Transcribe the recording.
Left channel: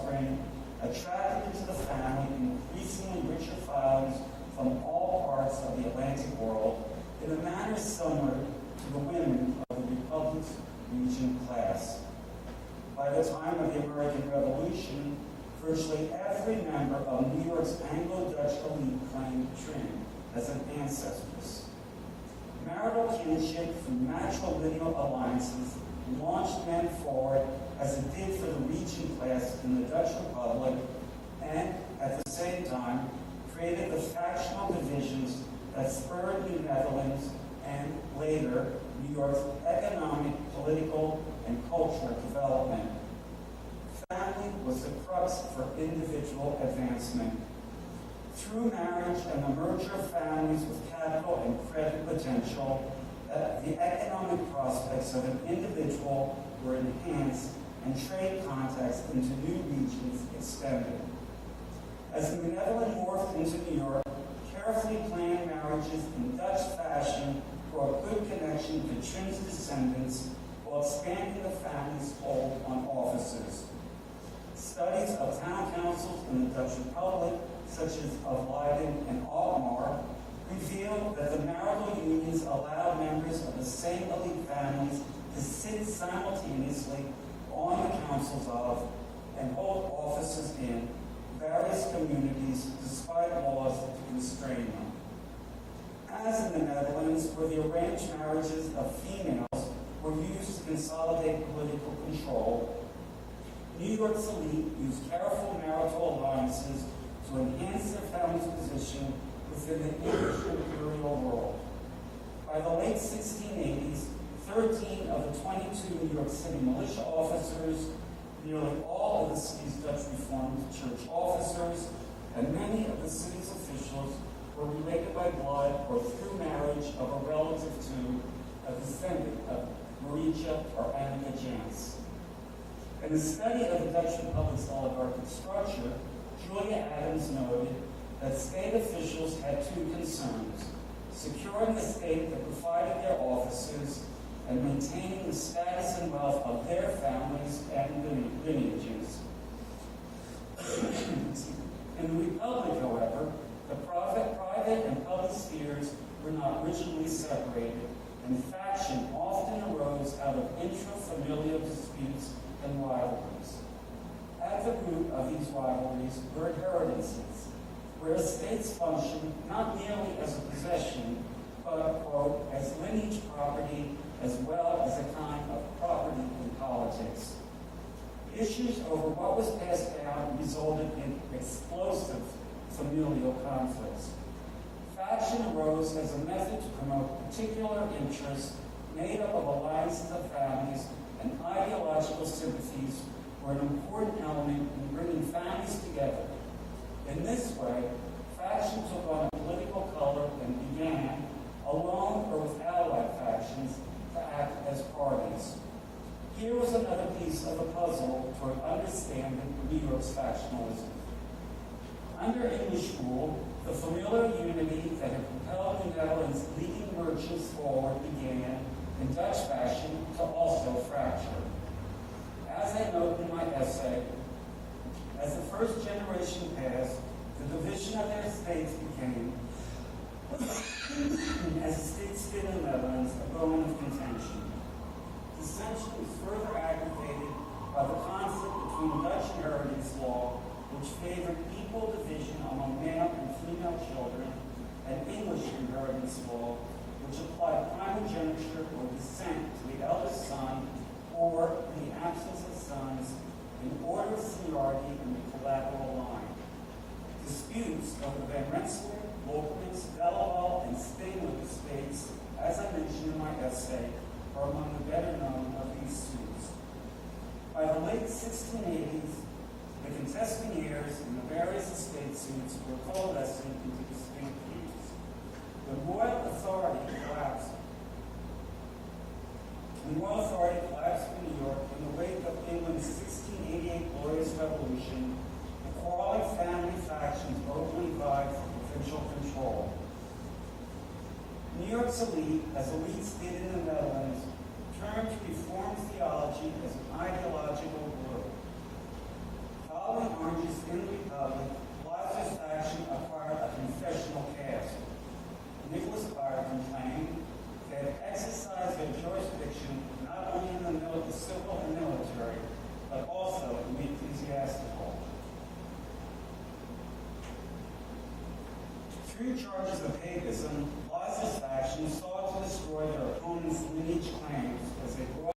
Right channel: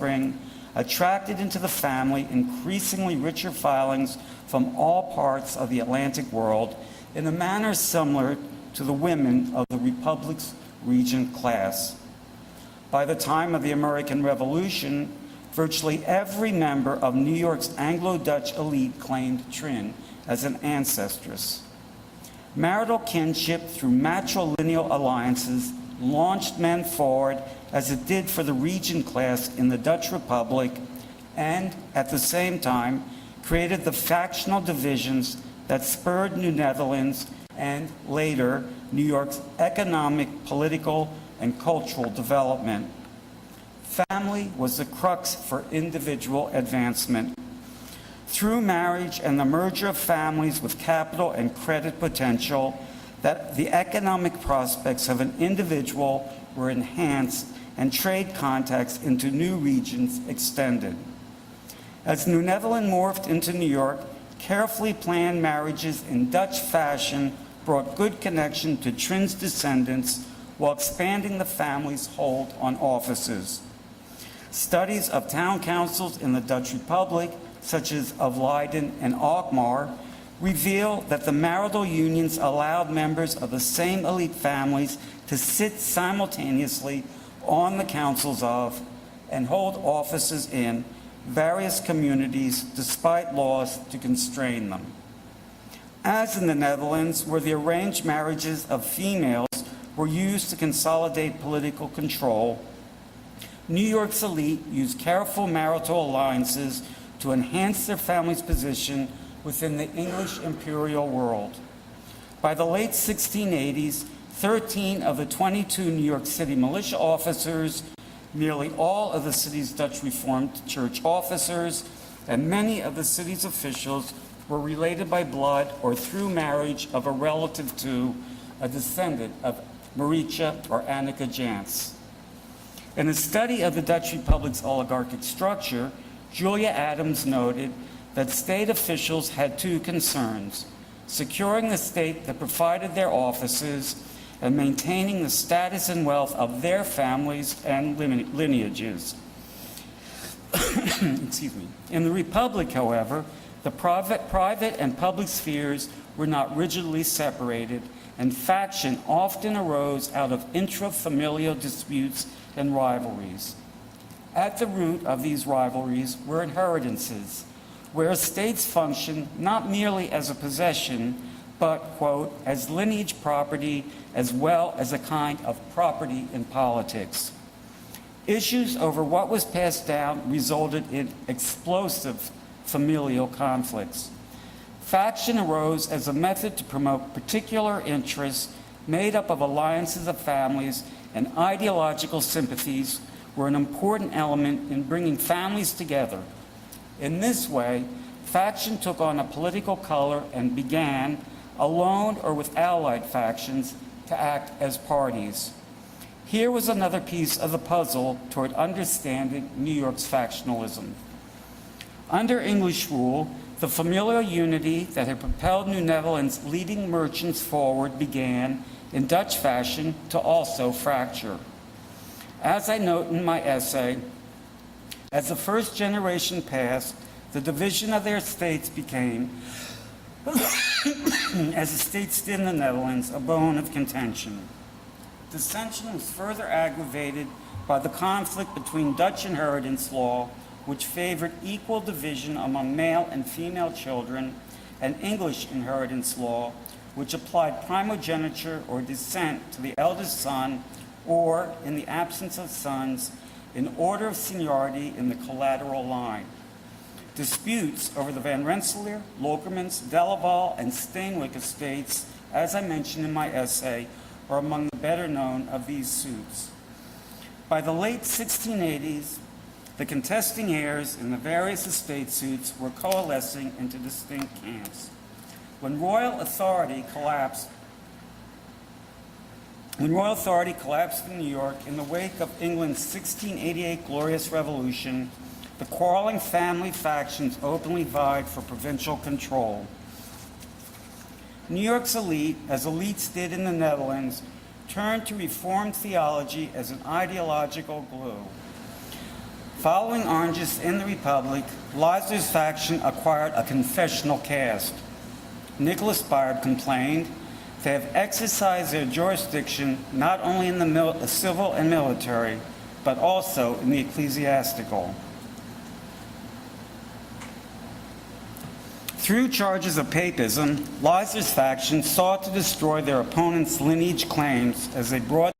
offspring attracted into the family increasingly richer filings from all parts of the Atlantic world in a manner similar to the women of the Republic's regent class. By the time of the American Revolution, virtually every member of New York's Anglo-Dutch elite claimed Trin as an ancestress. Marital kinship through matrilineal alliances launched men forward as it did for the regent class in the Dutch Republic, and at the same time created the factional divisions that spurred New Netherlands and later New York's economic, political, and cultural development. Family was the crux for individual advancement. Through marriage and the merger of families with capital and credit potential, that the economic prospects of an individual were enhanced and trade contacts into new regions extended. As New Netherland morphed into New York, carefully planned marriages in Dutch fashion brought good connection to Trin's descendants while expanding the family's hold on offices. Studies of town councils in the Dutch Republic, such as of Leiden and Alkmaar, reveal that the marital unions allowed members of the same elite families to sit simultaneously on the councils of and hold offices in various communities despite laws to constrain them. As in the Netherlands, where the arranged marriages of females were used to consolidate political control, New York's elite used careful marital alliances to enhance their family's position within the English imperial world. By the late 1680s, 13 of the 22 New York City militia officers, nearly all of the city's Dutch Reformed Church officers, and many of the city's officials were related by blood or through marriage of a relative to a descendant of Maricha or Annika Jans. In a study of the Dutch Republic's oligarchic structure, Julia Adams noted that state officials had two concerns: securing the state that provided their offices and maintaining the status and wealth of their families and lineages. Excuse me. In the Republic, however, the private and public spheres were not rigidly separated, and faction often arose out of intra-familial disputes and rivalries. At the root of these rivalries were inheritances, where estates functioned not merely as a possession, but, quote, as lineage property as well as a kind of property in politics. Issues over what was passed down resulted in explosive familial conflicts. Faction arose as a method to promote particular interests made up of alliances of families, and ideological sympathies were an important element in bringing families together. In this way, faction took on a political color and began, alone or with allied factions, to act as parties. Here was another piece of the puzzle toward understanding New York's factionalism. Under English rule, the familial unity that had propelled New Netherland's leading merchants forward began, in Dutch fashion, to also fracture. As I note in my essay, as the first generation passed, the division of their estates became, as estates did in the Netherlands, a bone of contention. Dissension was further aggravated by the conflict between Dutch inheritance law, which favored equal division among male and female children, and English inheritance law, which applied primogeniture or descent to the eldest son, or, in the absence of sons, in order of seniority in the collateral line. Disputes over the Van Rensselaer, Lokermans, Delaval, and Steenwyck estates, as I mentioned in my essay, are among the better known of these suits. By the late 1680s, the contesting heirs in the various estate suits were coalescing into distinct camps. When royal authority collapsed in New York in the wake of England's 1688 Glorious Revolution, the quarreling family factions openly vied for provincial control. New York's elite, as elites did in the Netherlands, turned to Reformed theology as an ideological glue. Following Orangists in the Republic, Leisler's faction acquired a confessional caste. Nicholas Bard complained they have exercised their jurisdiction not only in the civil and military, but also in the ecclesiastical. Through charges of papism, Leisler's faction sought to destroy their opponents' lineage claims as they brought